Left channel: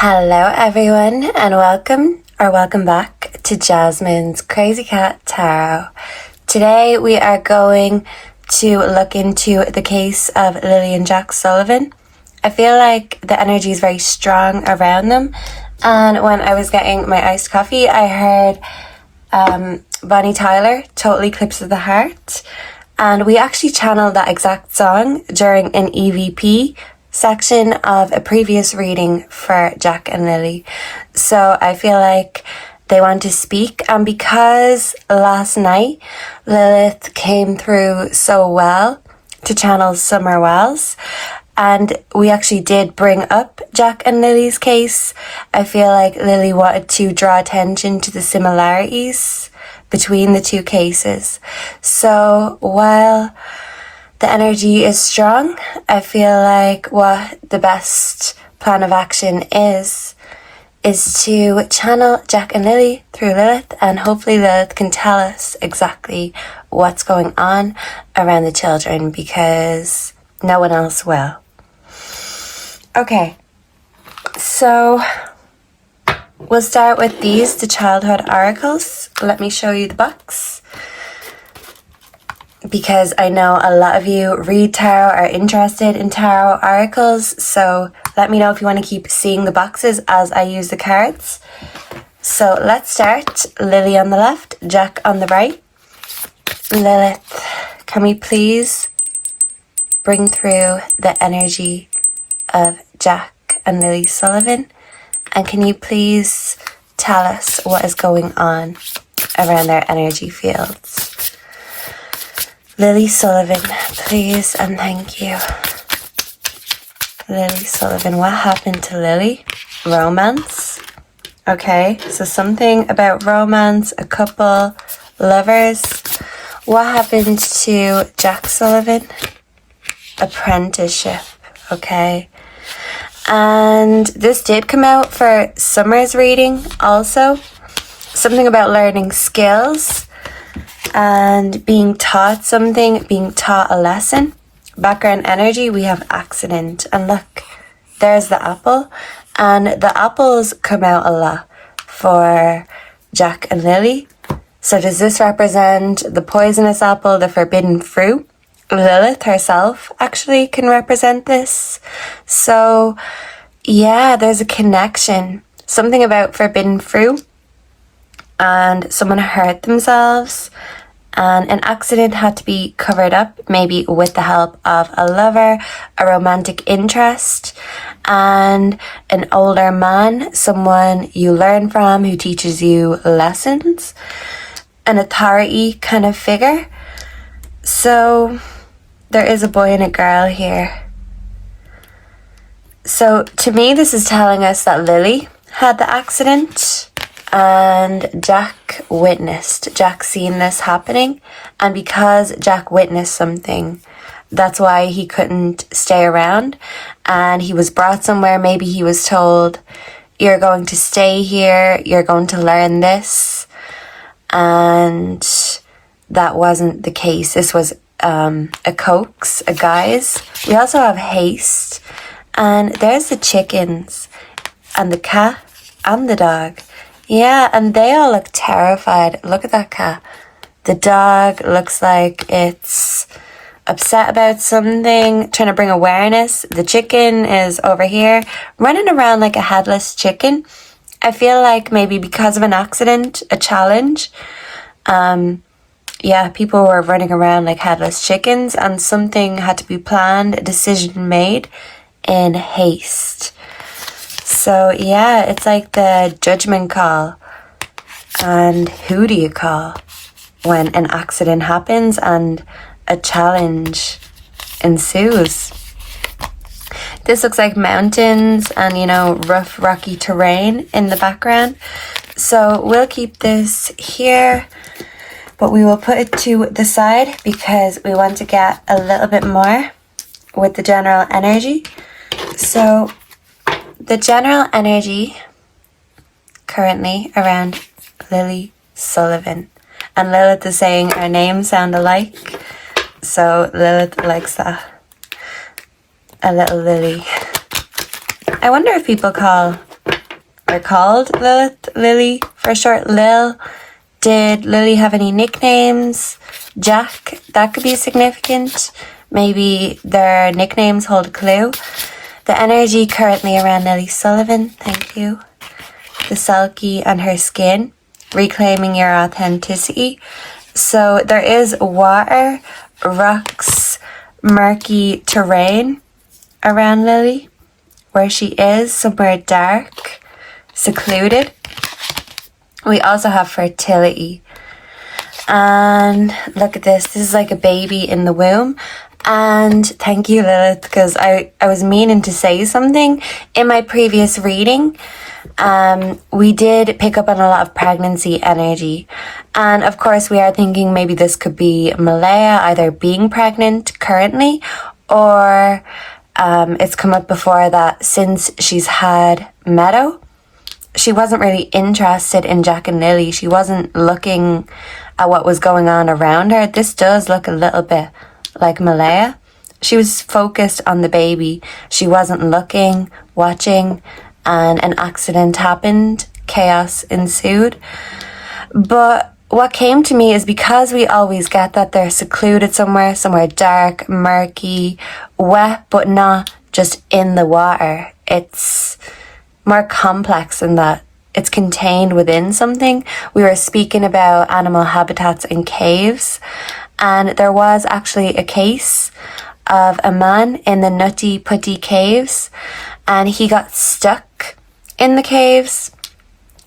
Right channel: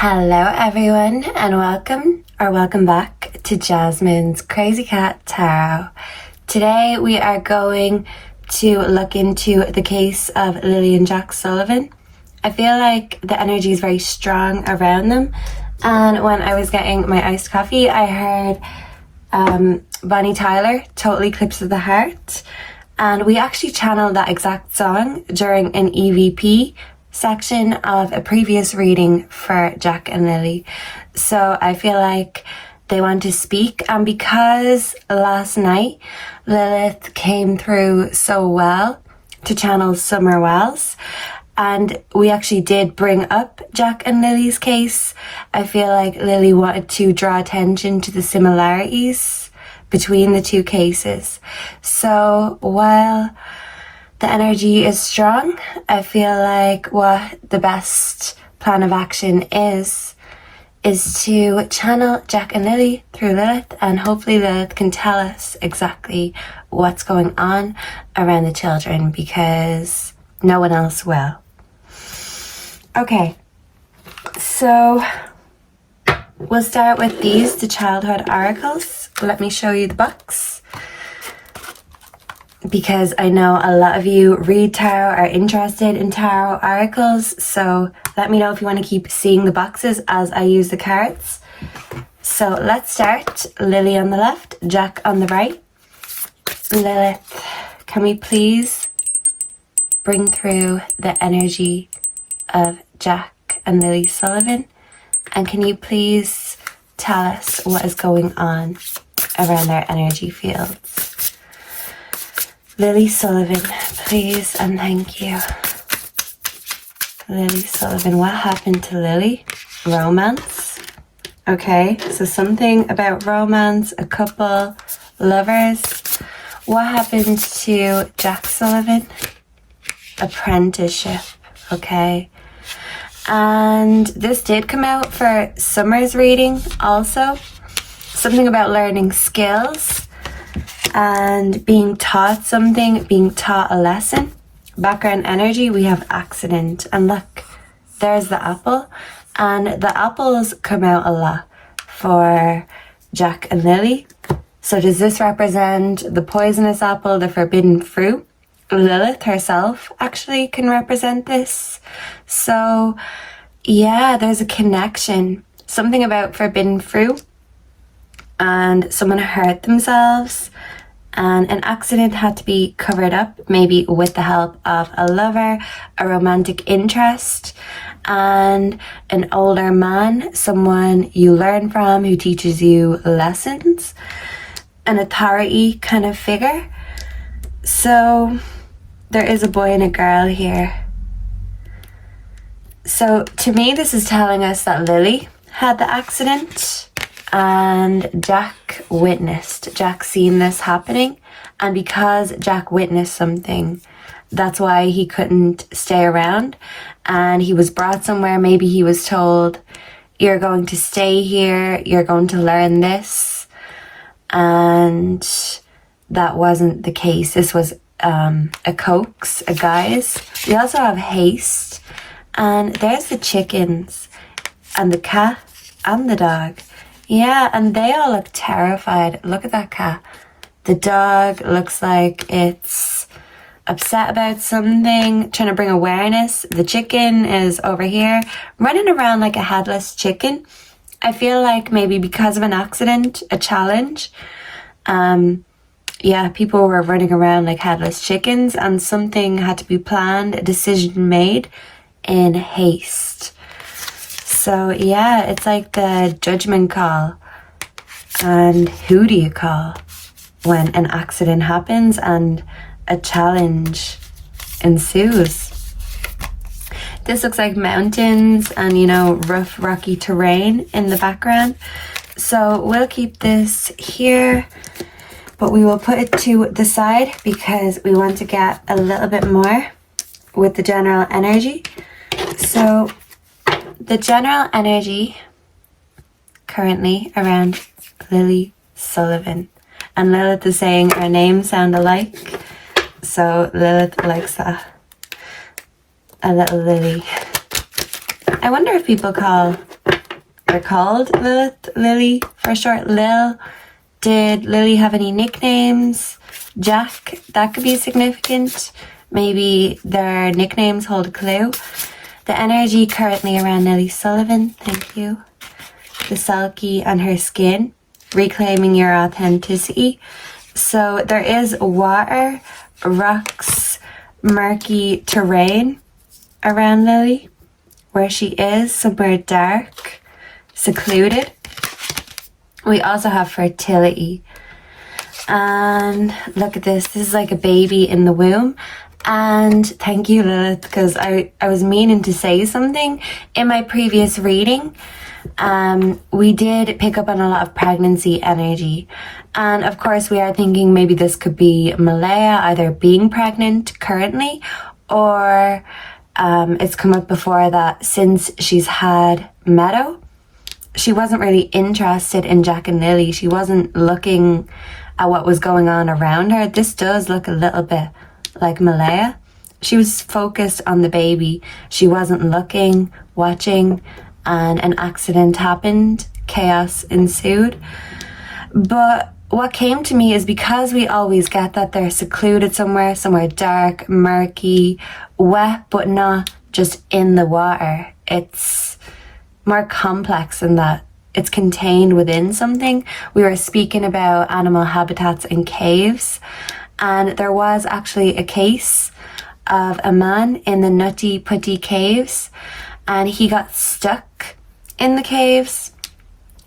Hello everyone and welcome back to Jasmine's Crazy Cat Tarot. Today we are going to look into the case of Lilly and Jack Sullivan. I feel like the energy is very strong around them, and when I was getting my iced coffee I heard Bonnie Tyler, Total Eclipse of the Heart, and we actually channeled that exact song during an EVP section of a previous reading for Jack and Lilly. So I feel like they want to speak, and because last night Lilith came through so well to channel Summer Wells, and we actually did bring up Jack and Lily's case, I feel like Lilly wanted to draw attention to the similarities between the two cases. So while the energy is strong, I feel like what the best plan of action is to channel Jack and Lilly through Lilith, and hopefully Lilith can tell us exactly what's going on around the children, because no one else will. Okay, so we'll start with the childhood oracles. Let me show you the box, because I know a lot of you read tarot, are interested in tarot oracles, so let me know if you want to keep seeing the boxes as I use the cards. So let's start. Lilly on the left, Jack on the right. Lilith, can we please bring through the energy of Jack and Lilly Sullivan? And can you please tell us what is going on around their energy fields? Lilly Sullivan, please and thank you. Lilly Sullivan, what happened to Lilly? Romance. Okay, so something about romance, a couple, lovers. What happened to Jack Sullivan? Apprenticeship. Okay. And this did come out for Summer's reading also. Something about learning skills and being taught something, being taught a lesson. Background energy, we have accident. And look, there's the apple. And the apples come out a lot for Jack and Lilly. So does this represent the poisonous apple, the forbidden fruit? Lilith herself actually can represent this. So yeah, there's a connection. Something about forbidden fruit, and someone hurt themselves, and an accident had to be covered up, maybe with the help of a lover, a romantic interest, and an older man, someone you learn from who teaches you lessons, an authority kind of figure. So there is a boy and a girl here. So to me, this is telling us that Lilly had the accident and Jack witnessed. Jack seen this happening, and because Jack witnessed something, that's why he couldn't stay around, and he was brought somewhere. Maybe he was told, you're going to stay here, you're going to learn this, and that wasn't the case. This was a coax, a guise. We also have haste, and there's the chickens and the cat and the dog. Yeah, and they all look terrified. Look at that cat. The dog looks like it's upset about something, trying to bring awareness. The chicken is over here running around like a headless chicken. I feel like maybe because of an accident, a challenge, yeah, people were running around like headless chickens, and something had to be planned, a decision made in haste. So yeah, it's like the judgment call. And who do you call when an accident happens and a challenge ensues? This looks like mountains and, you know, rough rocky terrain in the background. So we'll keep this here, but we will put it to the side because we want to get a little bit more with the general energy. So the general energy currently around Lilly Sullivan. And Lilith is saying our names sound alike. So Lilith likes that. A little Lilly. I wonder if people call are called Lilith, Lily for short, Lil. Did Lily have any nicknames? Jack, that could be significant. Maybe their nicknames hold a clue. The energy currently around Lily Sullivan, thank you. The sulky and her skin, reclaiming your authenticity. So there is water, rocks, murky terrain around Lily, where she is, somewhere dark, secluded. We also have fertility. And look at this. This is like a baby in the womb. And thank you, Lilith, because I was meaning to say something. In my previous reading, we did pick up on a lot of pregnancy energy. And of course, we are thinking maybe this could be Malaya either being pregnant currently, or it's come up before that since she's had Meadow, she wasn't really interested in Jack and Lily. She wasn't looking at what was going on around her. This does look a little bit like Malaya. She was focused on the baby. She wasn't looking, watching, and an accident happened. Chaos ensued. But what came to me is because we always get that they're secluded somewhere dark, murky, wet, but not just in the water. It's more complex than that. It's contained within something. We were speaking about animal habitats in caves, and there was actually a case of a man in the Nutty Putty caves, and he got stuck in the caves.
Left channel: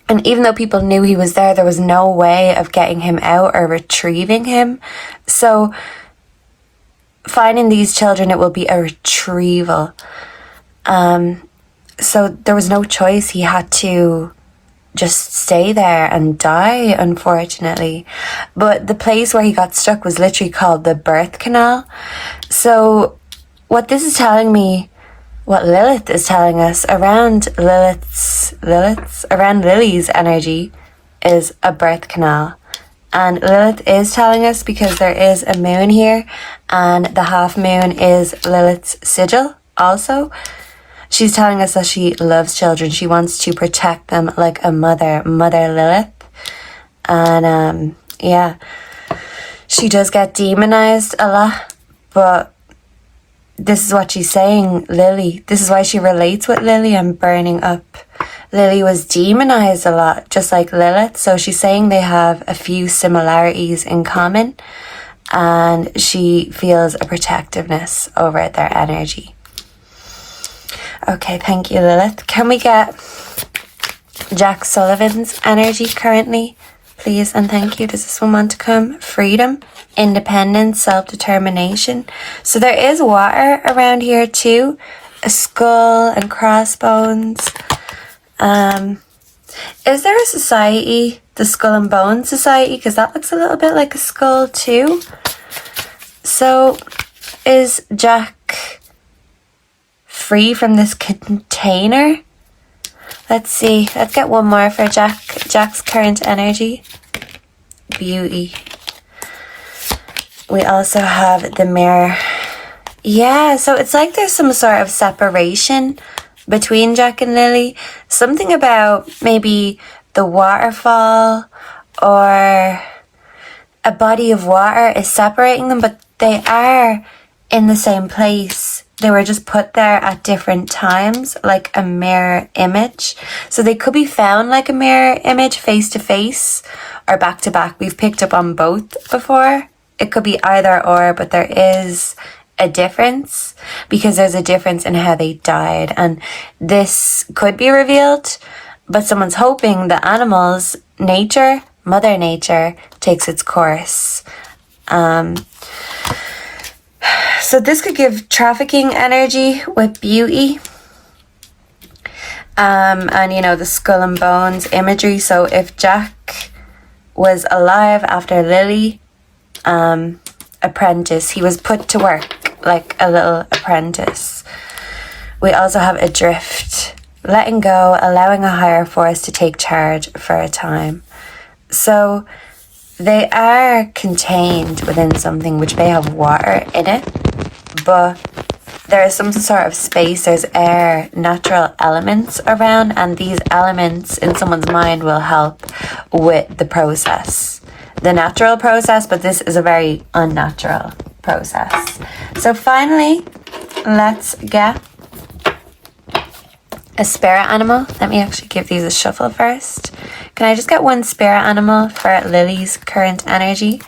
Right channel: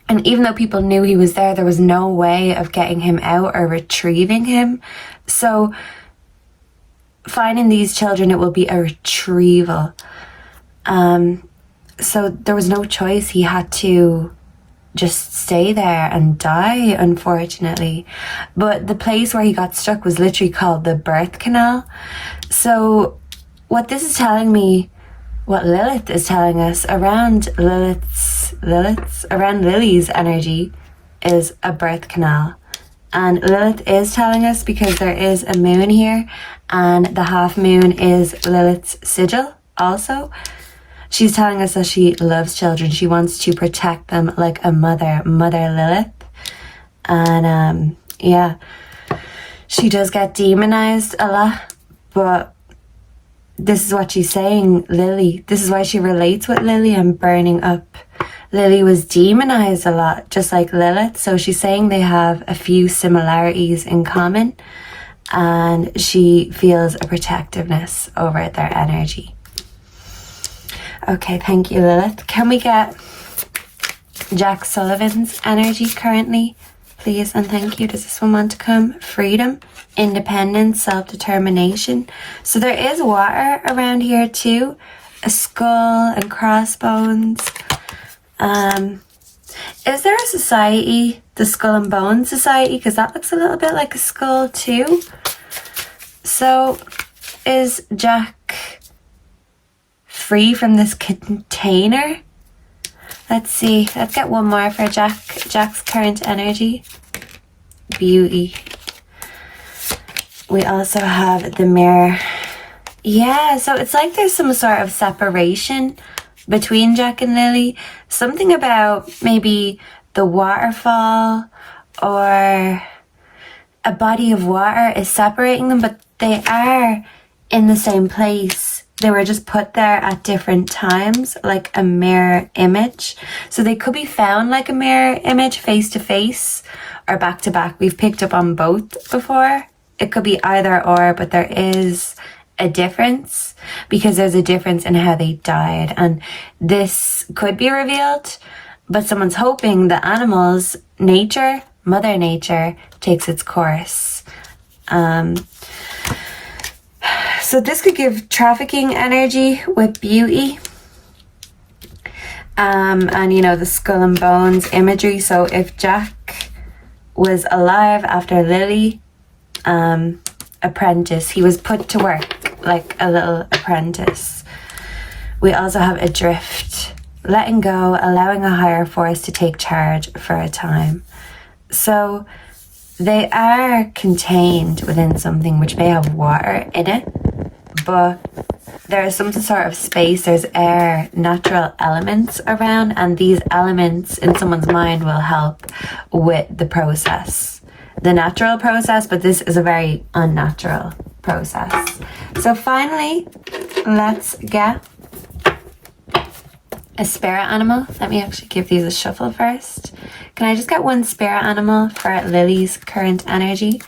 And even though people knew he was there was no way of getting him out or retrieving him. So finding these children, it will be a retrieval. So there was no choice. He had to just stay there and die, unfortunately. But the place where he got stuck was literally called the birth canal. So what this is telling me, what Lilith is telling us around around Lily's energy is a birth canal. And Lilith is telling us, because there is a moon here and the half moon is Lilith's sigil also. She's telling us that she loves children. She wants to protect them like a mother Lilith. And yeah, she does get demonized a lot, but this is what she's saying, Lily. This is why she relates with Lily and burning up. Lily was demonized a lot, just like Lilith. So she's saying they have a few similarities in common, and she feels a protectiveness over their energy. Okay, thank you, Lilith. Can we get Jack Sullivan's energy currently, please? And thank you. Does this one want to come? Freedom, independence, self-determination. So there is water around here too. A skull and crossbones. Is there a society, the Skull and Bones Society? Because that looks a little bit like a skull too. So is Jack free from this container? Let's see. Let's get one more for Jack's current energy. Beauty. We also have the mirror. Yeah, so it's like there's some sort of separation between Jack and Lily. Something about maybe the waterfall or a body of water is separating them, but they are in the same place. They were just put there at different times, like a mirror image. So they could be found like a mirror image, face to face or back to back. We've picked up on both before. It could be either or, but there is a difference because there's a difference in how they died. And this could be revealed, but someone's hoping the animals, nature, Mother Nature, takes its course. So this could give trafficking energy with beauty. And you know, the skull and bones imagery. So if Jack was alive after Lily, apprentice, he was put to work like a little apprentice. We also have adrift, letting go, allowing a higher force to take charge for a time. So they are contained within something which may have water in it, but there is some sort of space, there's air, natural elements around, and these elements in someone's mind will help with the process. The natural process, but this is a very unnatural process. So finally, let's get a spirit animal. Let me actually give these a shuffle first. Can I just get one spirit animal for Lily's current energy?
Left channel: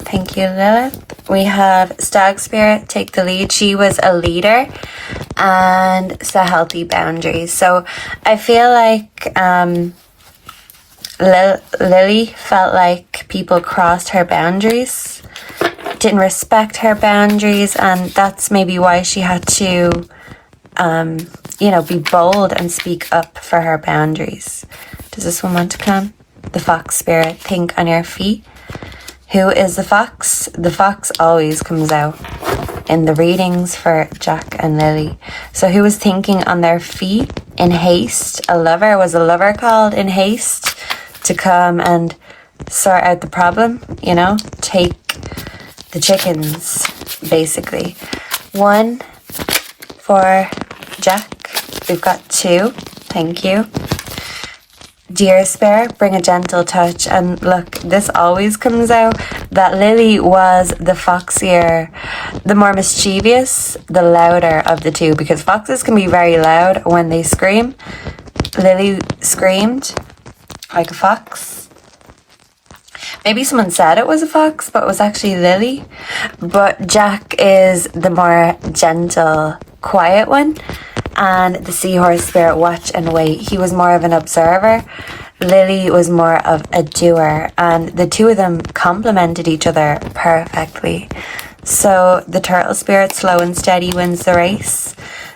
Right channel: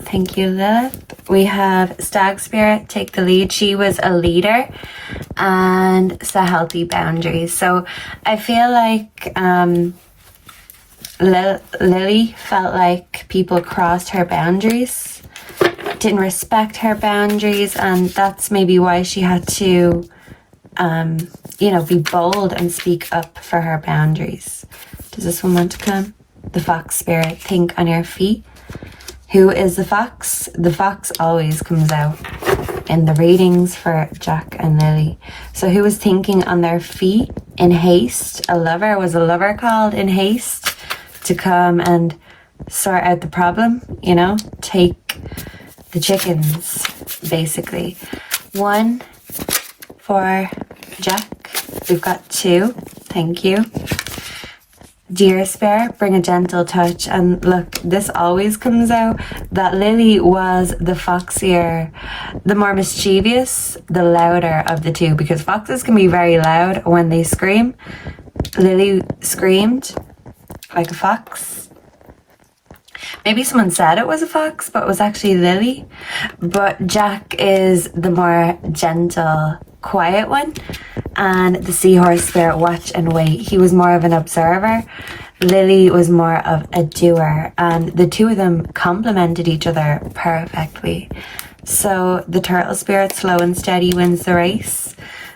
Thank you, Lilith. We have Stag Spirit take the lead. She was a leader and set healthy boundaries. So I feel like Lily felt like people crossed her boundaries, didn't respect her boundaries, and that's maybe why she had to, be bold and speak up for her boundaries. Does this one want to come? The Fox Spirit, think on your feet. Who is the fox? The fox always comes out in the readings for Jack and Lily. So who was thinking on their feet in haste? A lover. Was a lover called in haste to come and sort out the problem? Take the chickens, basically. 1 for Jack. We've got 2. Thank you. Dear Spirit, bring a gentle touch. And look, this always comes out that Lily was the foxier, the more mischievous, the louder of the two, because foxes can be very loud when they scream. Lily screamed like a fox. Maybe someone said it was a fox, but it was actually Lily. But Jack is the more gentle, quiet one. And the Seahorse Spirit, watch and wait. He was more of an observer. Lily was more of a doer. And the two of them complemented each other perfectly. So the Turtle Spirit, slow and steady, wins the race.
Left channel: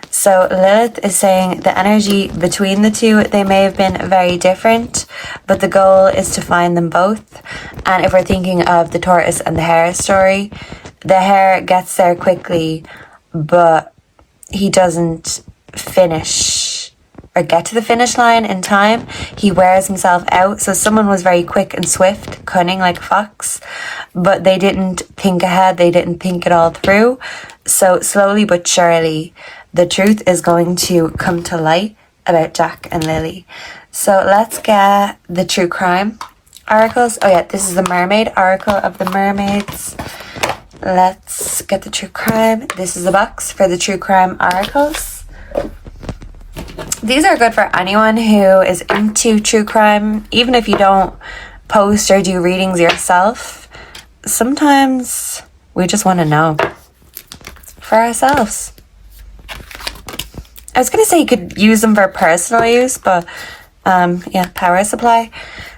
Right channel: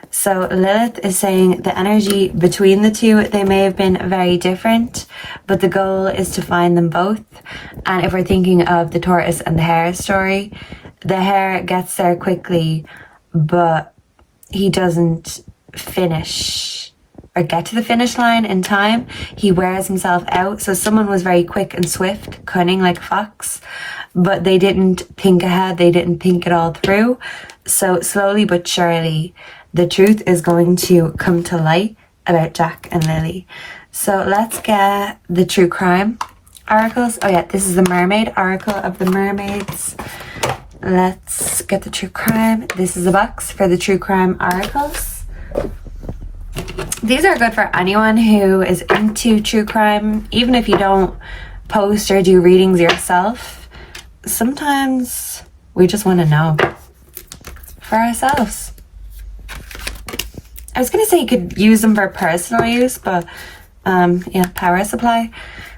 So Lilith is saying the energy between the two, they may have been very different, but the goal is to find them both. And if we're thinking of the tortoise and the hare story, the hare gets there quickly, but he doesn't finish or get to the finish line in time. He wears himself out. So someone was very quick and swift, cunning like a fox, but they didn't think ahead. They didn't think it all through. So slowly but surely, the truth is going to come to light about Jack and Lily. So let's get the true crime oracles. Oh yeah, this is the mermaid oracle of the mermaids. Let's get the true crime. This is the box for the true crime oracles. These are good for anyone who is into true crime, even if you don't post or do readings yourself. Sometimes we just want to know for ourselves. I was going to say you could use them for personal use, but power supply.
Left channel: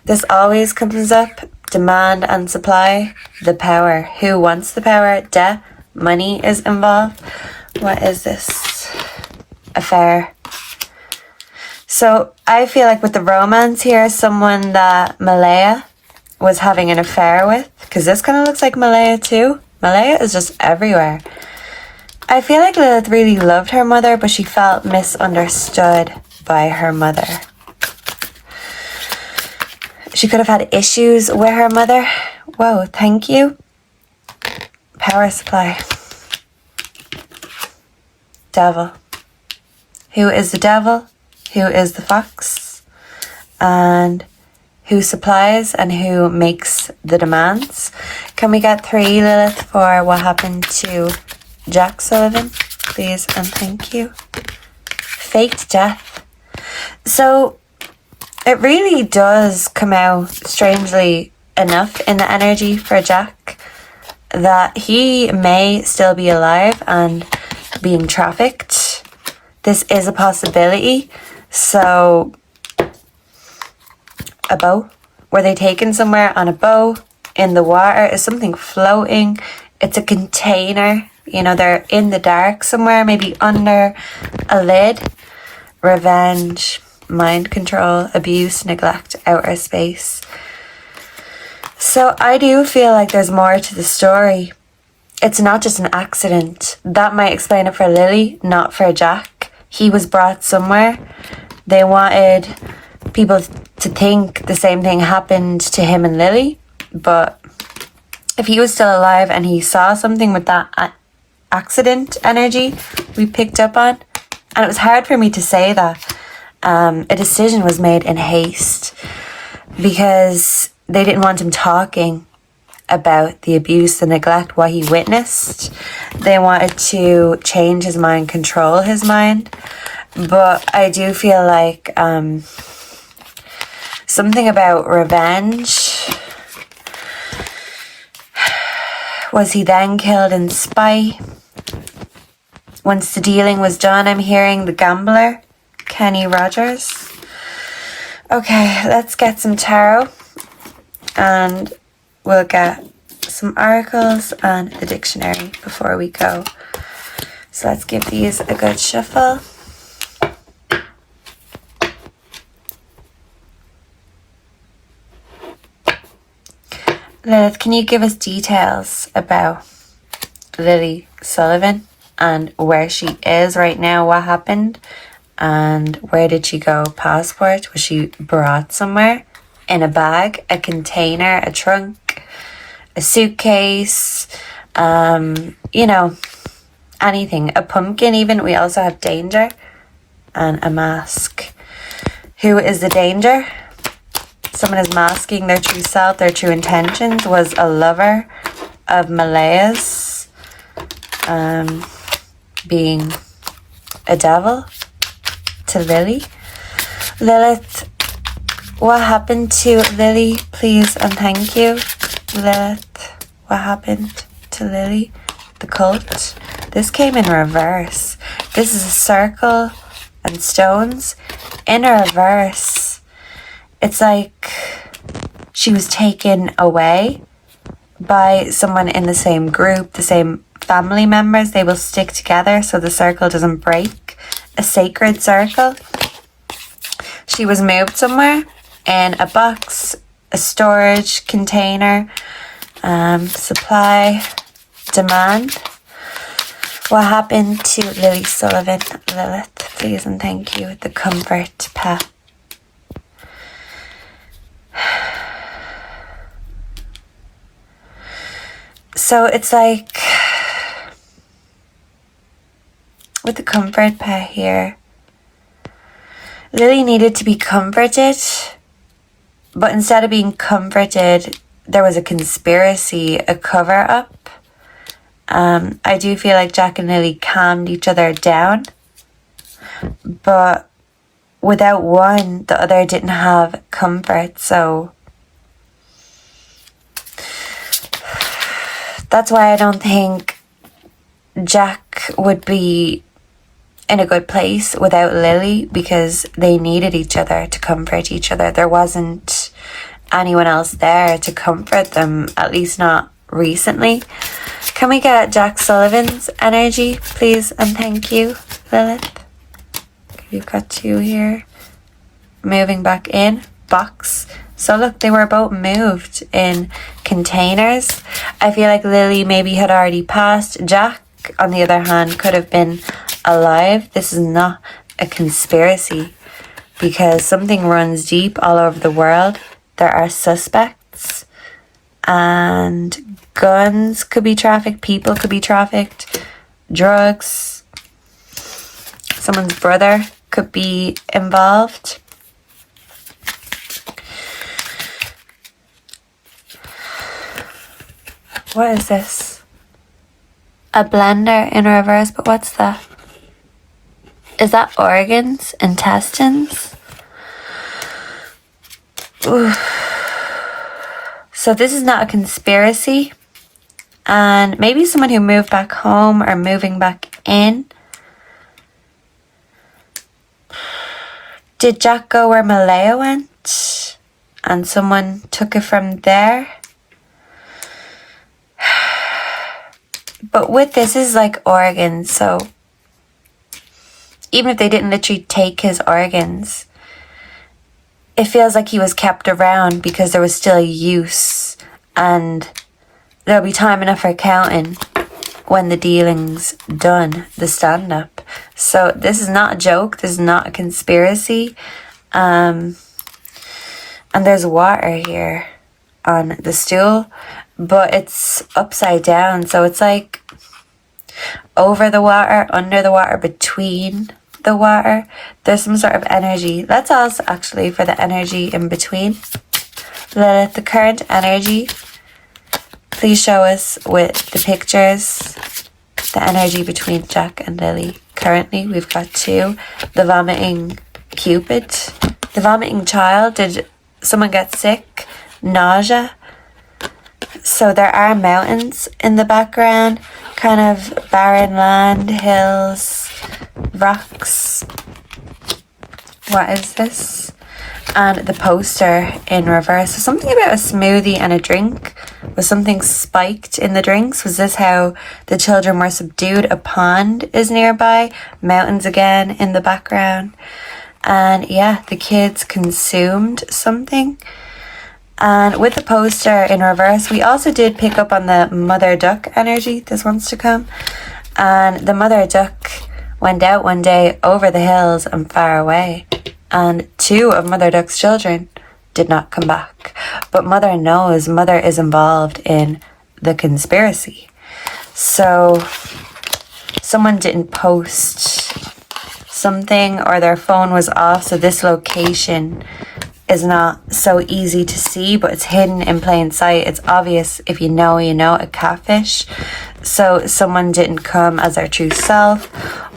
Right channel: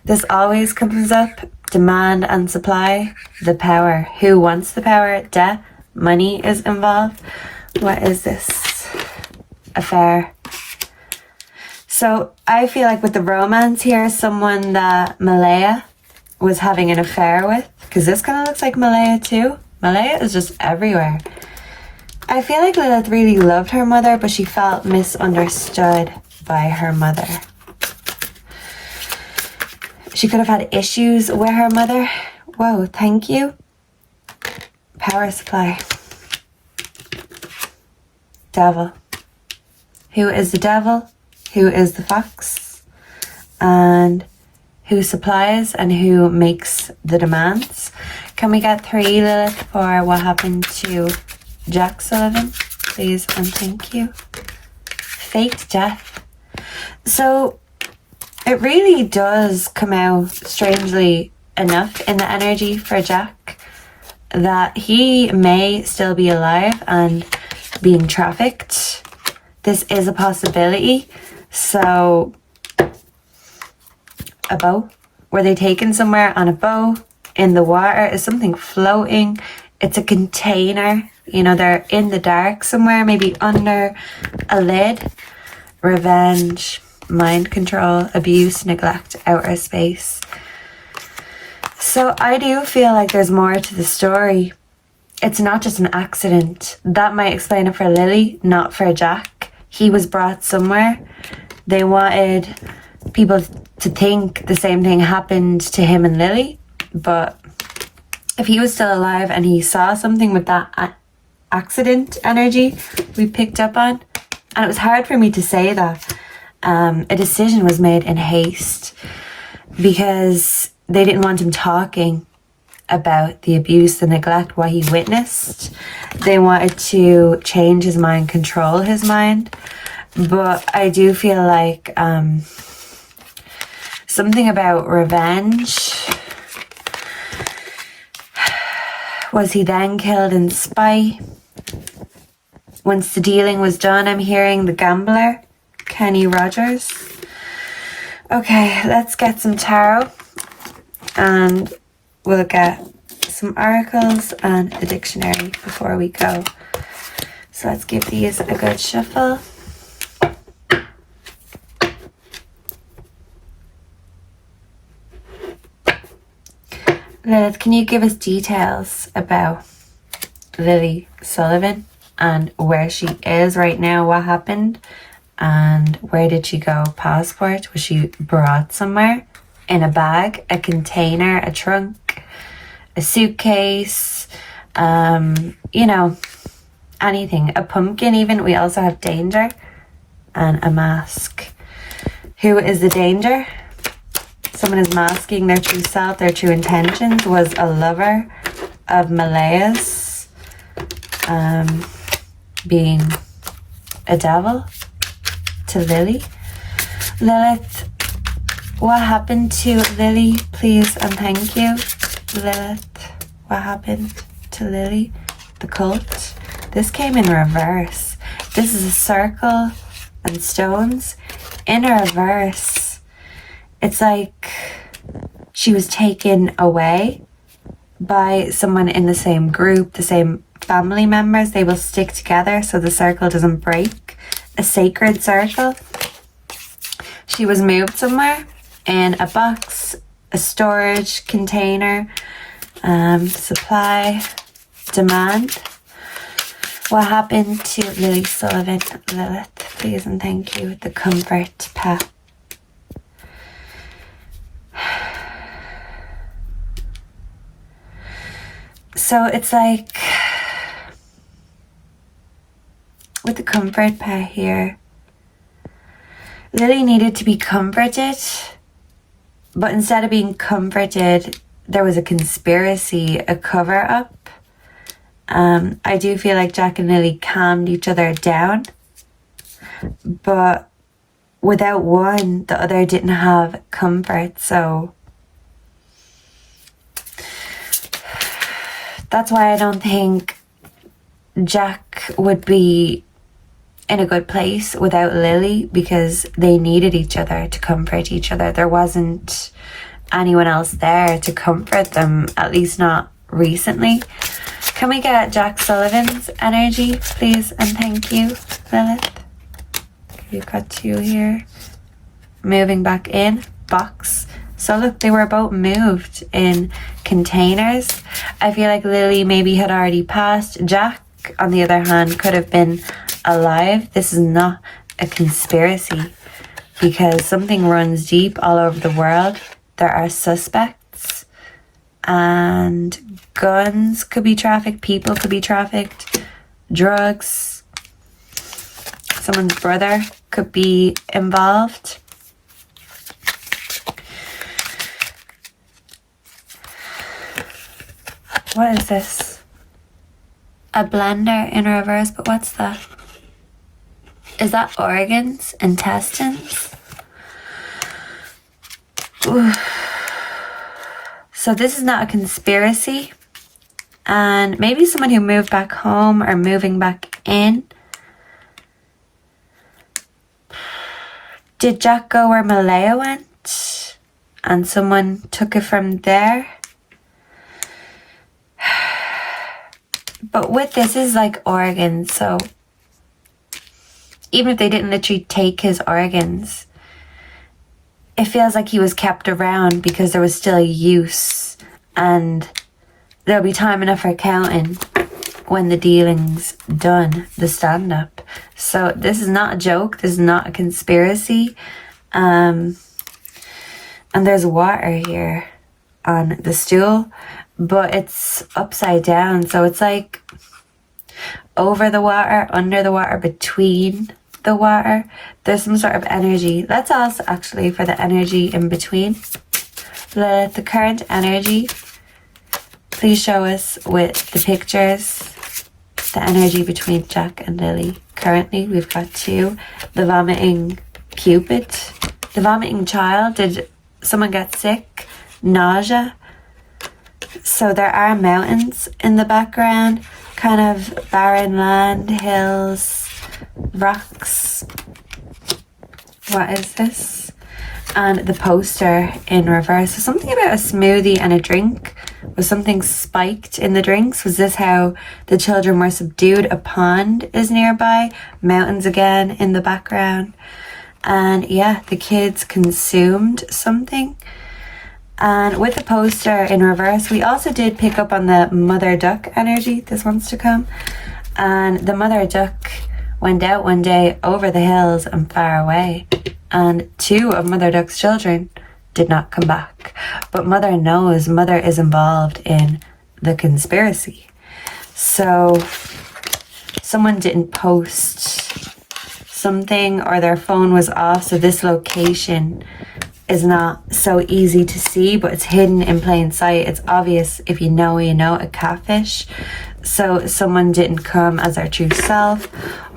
This always comes up, demand and supply, the power. Who wants the power? Debt, money is involved. What is this? Affair. So I feel like with the romance here, someone that Malaya was having an affair with, because this kind of looks like Malaya too. Malaya is just everywhere. I feel like Lilith really loved her mother, but she felt misunderstood by her mother. She could have had issues with her mother. Whoa, thank you. Power supply. Devil. Who is the devil? Who is the fox? And who supplies and who makes the demands? Can we get 3, Lilith, for what happened to Jack Sullivan, please, and thank you. Faked death. So it really does come out, strangely enough, in the energy for Jack that he may still be alive and being trafficked. This is a possibility. So a boat. Were they taken somewhere on a boat? In the water? Is something floating? It's a container. They're in the dark somewhere, maybe under a lid. Revenge, mind control, abuse, neglect, outer space. So I do feel like there's more to the story. It's not just an accident. That might explain it for Lily, not for Jack. He was brought somewhere. They wanted people to think the same thing happened to him and Lily. But if he was still alive and he saw something with that accident energy we picked up on. And it was hard for me to say that. A decision was made in haste because they didn't want him talking about the abuse, the neglect, what he witnessed. They wanted to change his mind, control his mind. But I do feel like something about revenge. Was he then killed in spite? Once the dealing was done, I'm hearing the gambler, Kenny Rogers. Okay, let's get some tarot and we'll get some oracles and the dictionary before we go. So let's give these a good shuffle. Lilith, can you give us details about Lily Sullivan and where she is right now, what happened, and where did she go? Passport? Was she brought somewhere? In a bag, a container, a trunk, a suitcase, you know, anything. A pumpkin even. We also have danger and a mask. Who is the danger? Someone is masking their true self, their true intentions. Was a lover of Malaya's, being a devil to Lily. Lilith, what happened to Lily, please and thank you. Lilith, what happened to Lily? The cult. This came in reverse. This is a circle and stones in reverse. It's like she was taken away by someone in the same group, the same family members. They will stick together so the circle doesn't break. A sacred circle. She was moved somewhere in a box, a storage container, supply, demand. What happened to Lily Sullivan? Lilith, please and thank you. The comfort pet. So it's like with the comfort pet here, Lily needed to be comforted, but instead of being comforted, there was a conspiracy, a cover-up. I do feel like Jack and Lily calmed each other down, but without one, the other didn't have comfort, so that's why I don't think Jack would be in a good place without Lily, because they needed each other to comfort each other. There wasn't anyone else there to comfort them, at least not recently. Can we get Jack Sullivan's energy, please and thank you, Lilith? You've got two here. Moving back in. Box. So look, they were both moved in containers. I feel like Lily maybe had already passed. Jack, on the other hand, could have been alive. This is not a conspiracy because something runs deep all over the world. There are suspects and guns could be trafficked, people could be trafficked, drugs. Someone's brother could be involved. What is this? A blender in reverse, but what's that? Is that organs? Intestines? Ooh. So this is not a conspiracy. And maybe someone who moved back home or moving back in. Did Jack go where Malaya went? And someone took it from there? But with this is like organs, so even if they didn't literally take his organs, it feels like he was kept around because there was still use and there'll be time enough for counting when the dealing's done, the stand-up. So this is not a joke, this is not a conspiracy. And there's water here on the stool, but it's upside down, so it's like over the water, under the water, between the water. There's some sort of energy. Let's also actually for the energy in between. Lilith, the current energy. Please show us with the pictures the energy between Jack and Lily. Currently, we've got 2. The vomiting Cupid. The vomiting child. Did someone get sick? Nausea. So there are mountains in the background. Kind of barren land, hills, rocks. What is this? And the poster in reverse. So something about a smoothie and a drink. Was something spiked in the drinks? Was this how the children were subdued? A pond is nearby. Mountains again in the background. And yeah, the kids consumed something. And with the poster in reverse, we also did pick up on the mother duck energy. This wants to come. And the mother duck went out one day over the hills and far away. And 2 of Mother Duck's children did not come back. But Mother knows Mother is involved in the conspiracy. So someone didn't post something or their phone was off. So this location is not so easy to see, but it's hidden in plain sight. It's obvious if you know, a catfish. So someone didn't come as their true self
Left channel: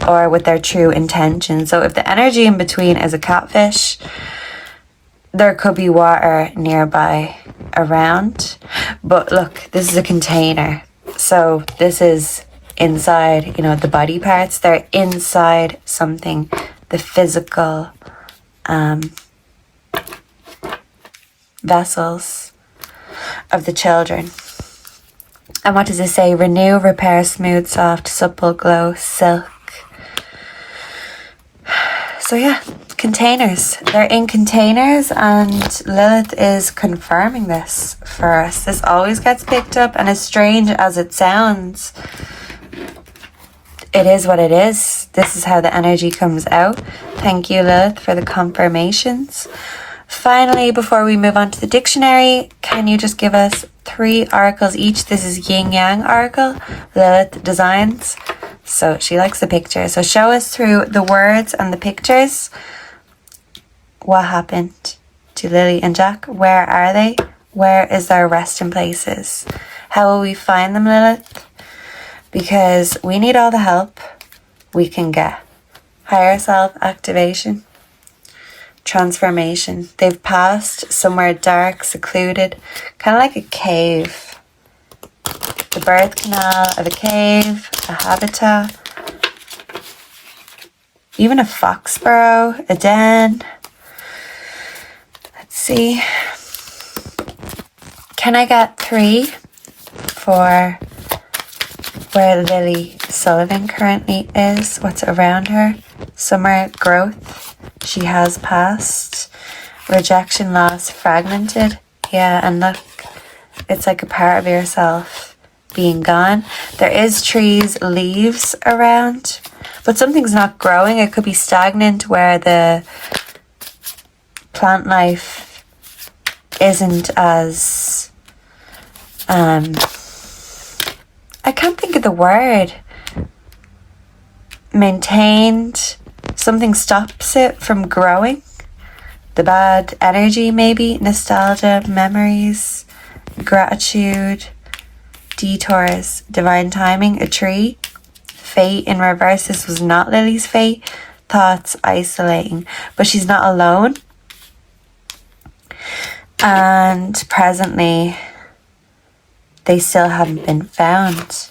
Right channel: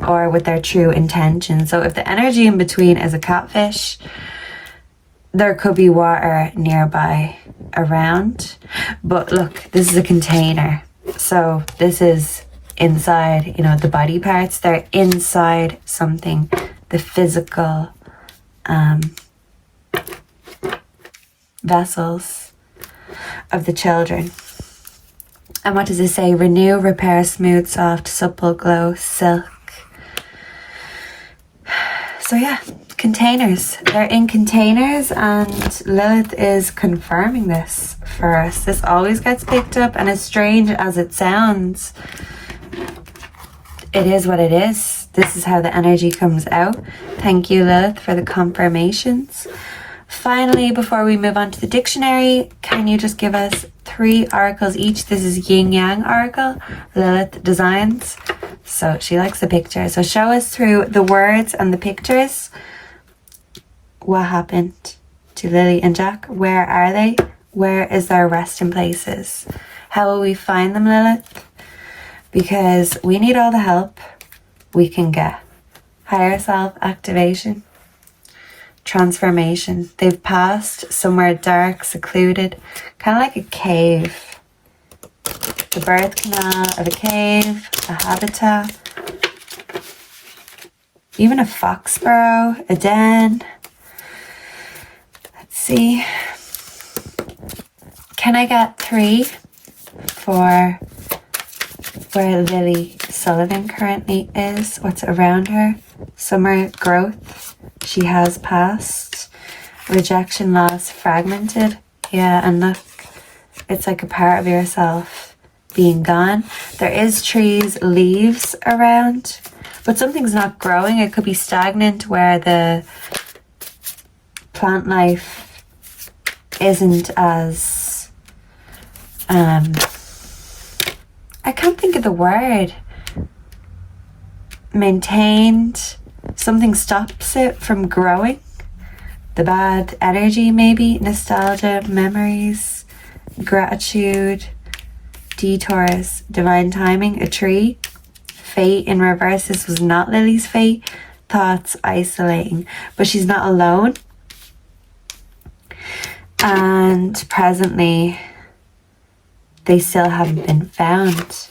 or with their true intention. So if the energy in between is a catfish, there could be water nearby around. But look, this is a container. So this is inside, the body parts. They're inside something, the physical vessels of the children. And what does it say? Renew, repair, smooth, soft, supple, glow, silk. So yeah, containers. They're in containers and Lilith is confirming this for us. This always gets picked up, and as strange as it sounds, it is what it is. This is how the energy comes out. Thank you, Lilith, for the confirmations. Finally, before we move on to the dictionary, can you just give us 3 oracles each? This is Yin Yang oracle, Lilith Designs. So she likes the picture. So show us through the words and the pictures. What happened to Lily and Jack? Where are they? Where is their resting places? How will we find them, Lilith? Because we need all the help we can get. Higher self activation. Transformation. They've passed somewhere dark, secluded, kind of like a cave. The birth canal of a cave, a habitat, even a fox burrow, a den. Let's see. Can I get 3 for where Lily Sullivan currently is? What's around her? Summer growth. She has passed. Rejection, loss, fragmented. Yeah, and look, it's like a part of yourself being gone. There is trees, leaves around, but something's not growing. It could be stagnant where the plant life isn't as, I can't think of the word, maintained. Something stops it from growing. The bad energy, maybe. Nostalgia, memories, gratitude, detours, divine timing, a tree, fate in reverse. This was not Lily's fate. Thoughts, isolating. But she's not alone. And presently, they still haven't been found.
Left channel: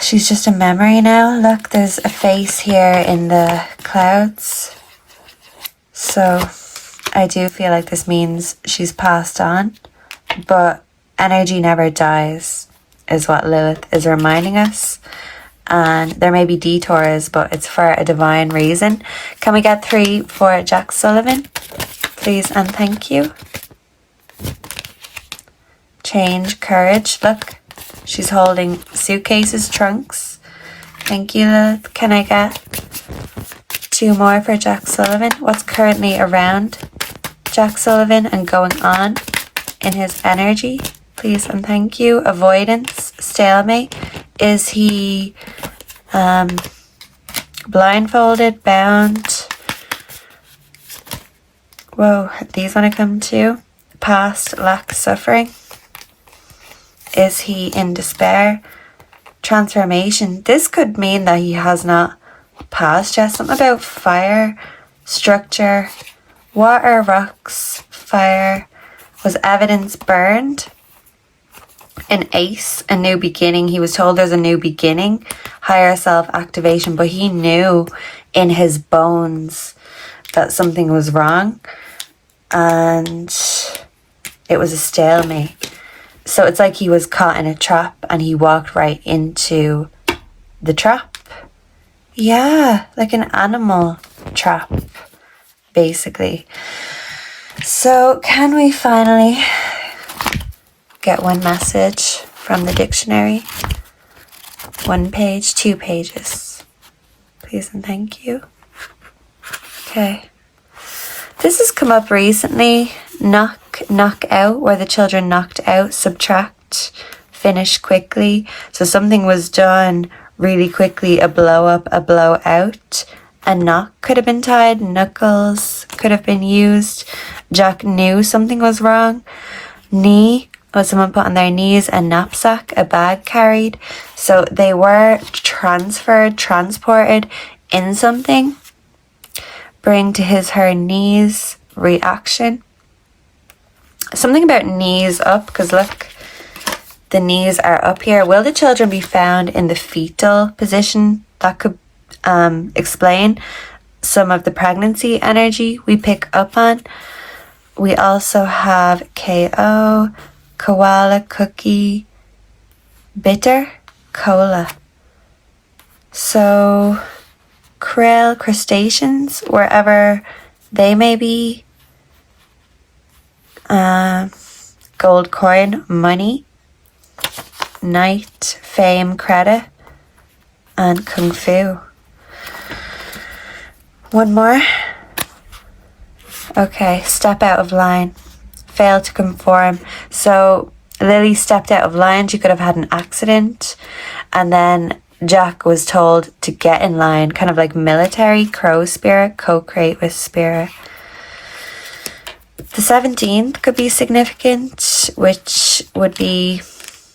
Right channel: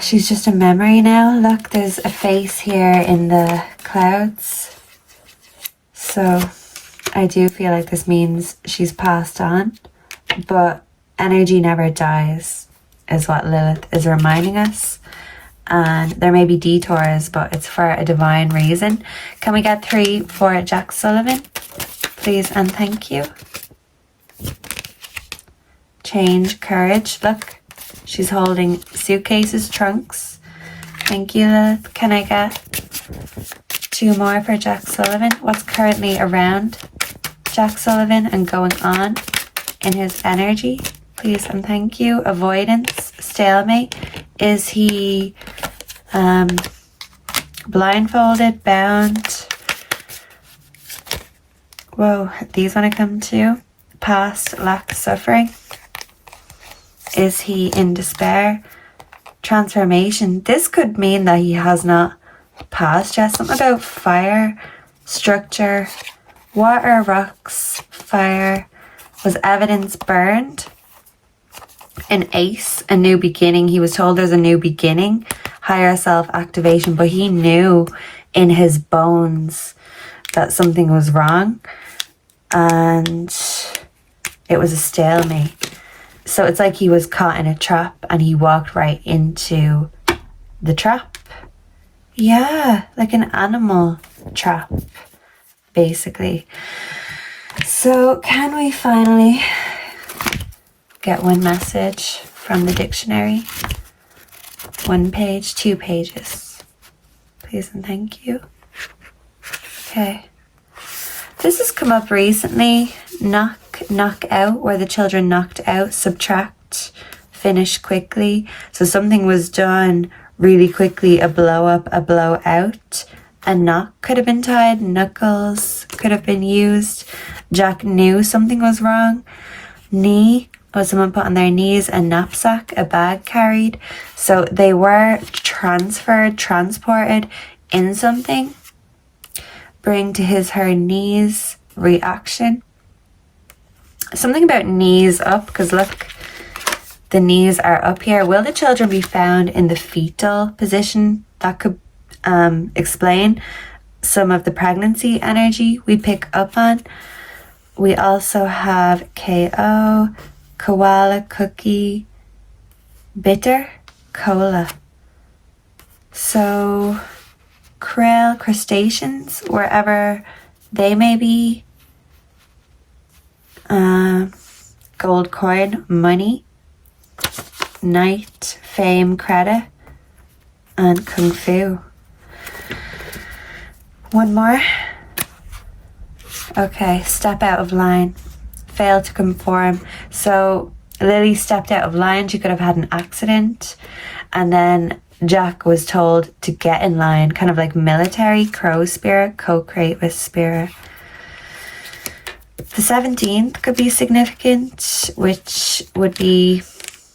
She's just a memory now. Look, there's a face here in the clouds. So I do feel like this means she's passed on. But energy never dies, is what Lilith is reminding us. And there may be detours, but it's for a divine reason. Can we get 3 for Jack Sullivan? Please and thank you. Change, courage. Look. She's holding suitcases, trunks. Thank you, Lilith. Can I get 2 more for Jack Sullivan? What's currently around Jack Sullivan and going on in his energy? Please and thank you. Avoidance, stalemate, Is he blindfolded, bound? Whoa, these want to come too. Past lack suffering. Is he in despair? Transformation. This could mean that he has not passed yet. Something about fire, structure, water, rocks, fire. Was evidence burned? An ace, a new beginning. He was told there's a new beginning. Higher self activation, but he knew in his bones that something was wrong. And it was a stalemate. So it's like he was caught in a trap and he walked right into the trap. Yeah, like an animal trap, basically. So can we finally get one message from the dictionary? 1 page, 2 pages. Please and thank you. Okay. This has come up recently. Knock out, where the children knocked out. Subtract, finish quickly. So something was done really quickly, a blow up, a blow out. A knock could have been tied, knuckles could have been used. Jack knew something was wrong. Knee, was someone put on their knees. A knapsack, a bag carried. So they were transferred, transported in something. Bring to his, her knees, reaction. Something about knees up, because look, the knees are up here. Will the children be found in the fetal position? That could explain some of the pregnancy energy we pick up on. We also have KO, koala, cookie, bitter, cola. So krill, crustaceans, wherever they may be. Gold coin, money. Knight, fame, credit. And kung fu. One more. Okay, step out of line. Fail to conform. So Lily stepped out of line. She could have had an accident. And then Jack was told to get in line, kind of like military, crow spirit, co-create with spirit. The 17th could be significant, which would be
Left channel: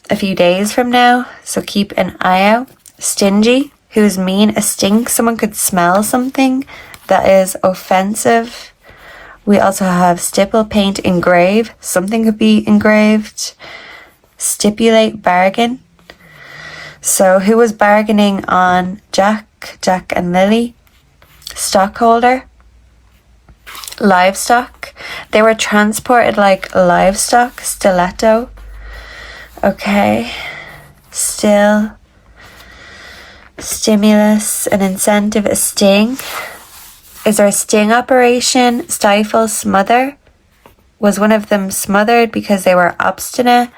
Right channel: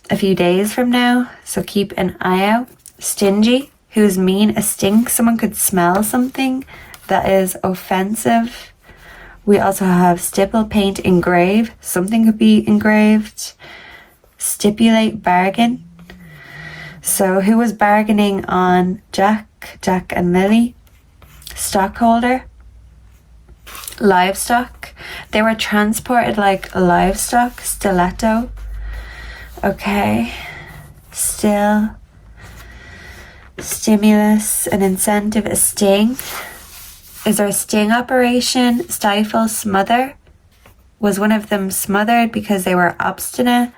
a few days from now. So keep an eye out. Stingy, who's mean, a stink. Someone could smell something that is offensive. We also have stipple, paint, engrave. Something could be engraved. Stipulate, bargain. So who was bargaining on Jack and Lily? Stockholder. Livestock. They were transported like livestock. Stiletto. Okay. Still. Stimulus, an incentive, a sting. Is there a sting operation? Stifle, smother. Was one of them smothered because they were obstinate?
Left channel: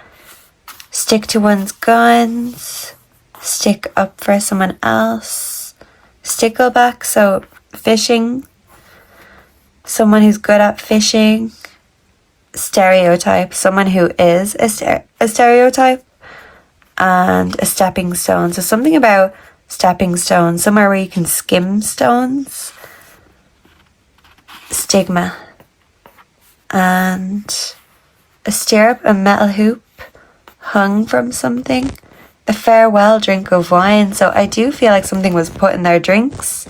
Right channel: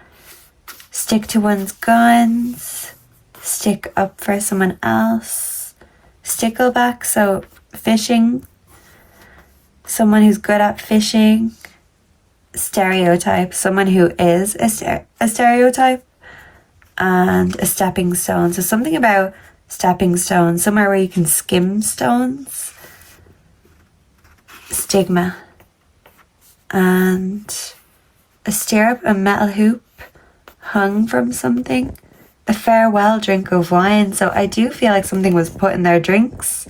Stick to one's guns. Stick up for someone else. Stickleback, so fishing. Someone who's good at fishing. Stereotype, someone who is a stereotype. And a stepping stone. So something about stepping stones, somewhere where you can skim stones. Stigma. And a stirrup, a metal hoop hung from something. A farewell drink of wine. So I do feel like something was put in their drinks.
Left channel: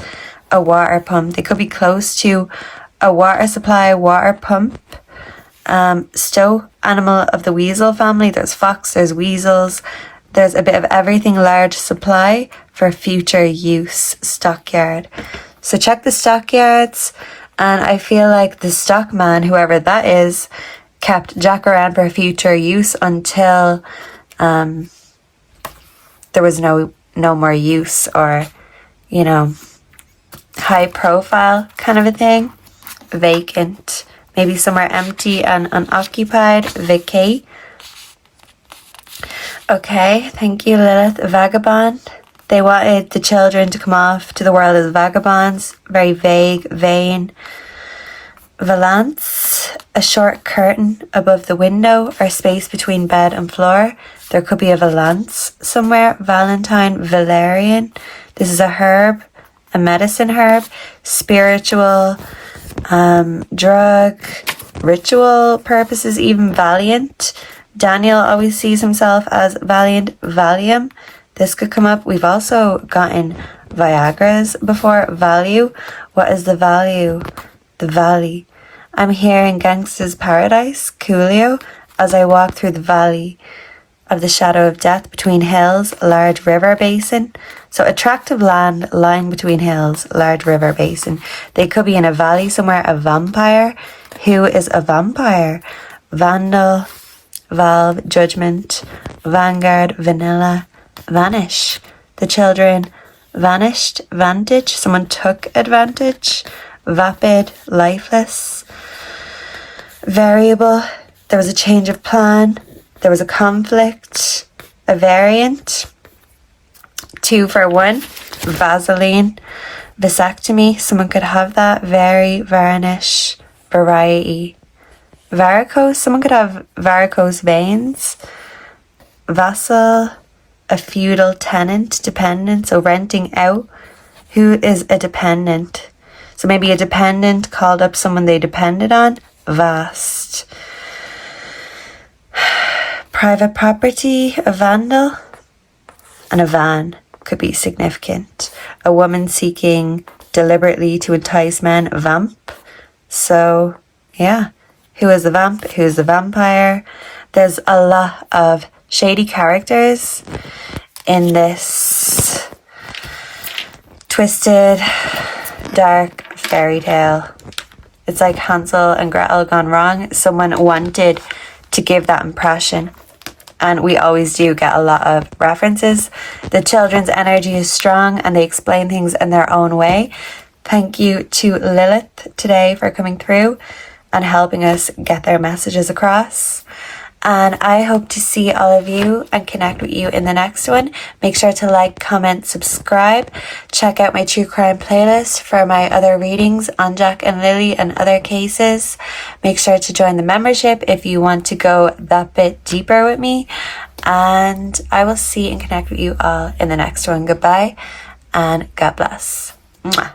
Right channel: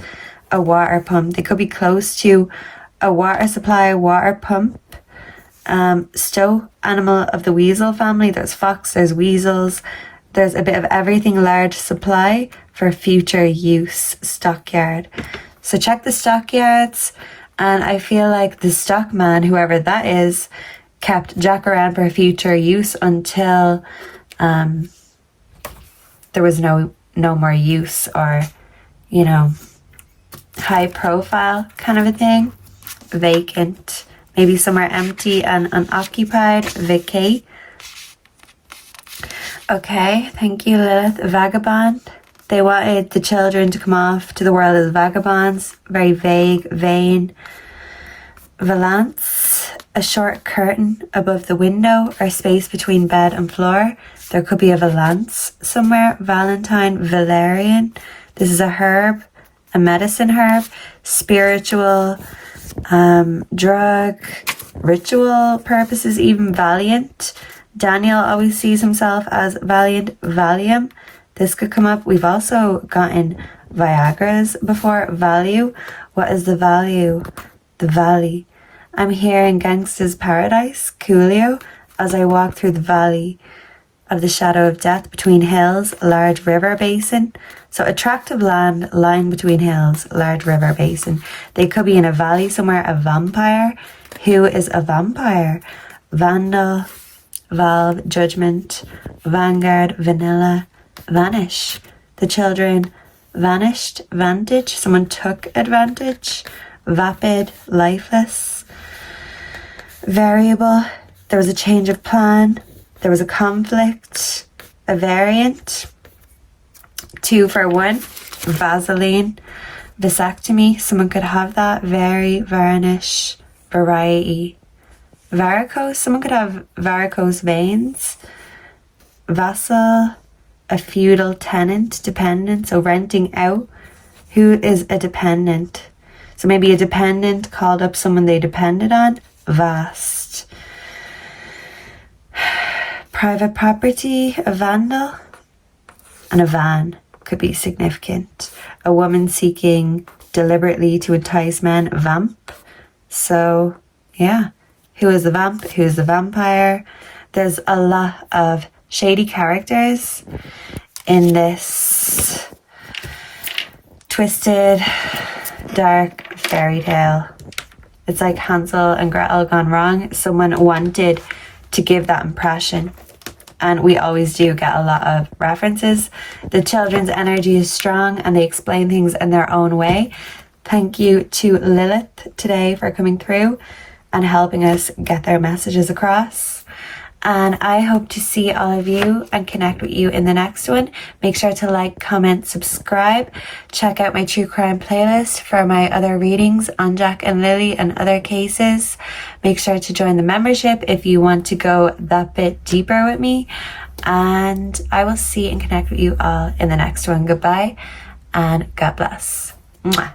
A water pump. They could be close to a water supply, water pump. Stow, animal of the weasel family. There's fox, there's weasels. There's a bit of everything, large supply for future use. Stockyard. So check the stockyards. And I feel like the stockman, whoever that is, kept Jack around for future use until there was no more use, or, you know, high profile kind of a thing. Vacant. Maybe somewhere empty and unoccupied. Vacate. Okay, thank you, Lilith. Vagabond. They wanted the children to come off to the world as vagabonds. Very vague, vain. Valance. a short curtain above the window or space between bed and floor. There could be a valance somewhere. Valentine, valerian. This is a herb, a medicine herb, spiritual, drug, ritual purposes, even valiant. Daniel always sees himself as valiant. Valium. This could come up. We've also gotten Viagra's before. Value. What is the value? The valley. I'm here in Gangsta's Paradise, Coolio, as I walk through the valley of the shadow of death between hills, large river basin. So attractive land lying between hills, large river basin. They could be in a valley somewhere. A vampire. Who is a vampire? Vandal, valve, judgment, vanguard, vanilla, vanish. The children vanished, vantage. Someone took advantage. Vapid, lifeless. Variable. There was a change of plan. There was a conflict. A variant. 2 for 1. Vaseline. Vasectomy. Someone could have that. Vary, varnish, variety. Varicose. Someone could have varicose veins. Vassal. A feudal tenant. Dependent. So renting out. Who is a dependent? So maybe a dependent called up someone they depended on. Vast. Private property, a vandal, and a van could be significant. A woman seeking deliberately to entice men, vamp. So, yeah. Who is the vamp? Who is the vampire? There's a lot of shady characters in this twisted, dark fairy tale. It's like Hansel and Gretel gone wrong. Someone wanted to give that impression, and we always do get a lot of references. The children's energy is strong and they explain things in their own way. Thank you to Lilith today for coming through and helping us get their messages across. And I hope to see all of you and connect with you in the next one. Make sure to like, comment, subscribe. Check out my true crime playlist for my other readings on Jack and Lily and other cases. Make sure to join the membership if you want to go that bit deeper with me. And I will see and connect with you all in the next one. Goodbye and God bless. Mwah.